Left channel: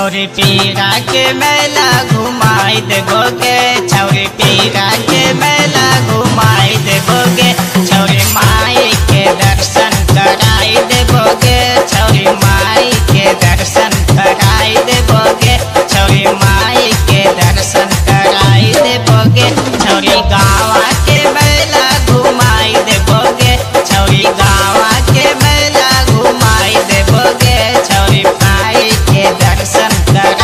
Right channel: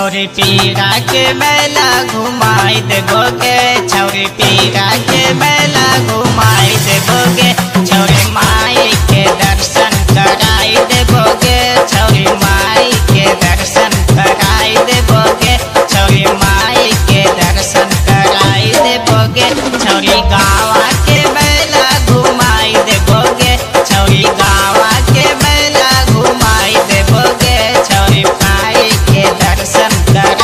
छौरी पीरा के मेला घुमाई देबोगे, छौरी पीरा के मेला घुमाई देबोगे, छौरी माई के दर्शन कराई देबोगे, छौरी माई के दर्शन कराई देबोगे, छौरी माई के दर्शन कराई देबोगे, छौरी गाँव के मेला घुमाई देबोगे, छौरी गाँव के मेला घुमाई देबोगे, छौरी माई के दर्शन कर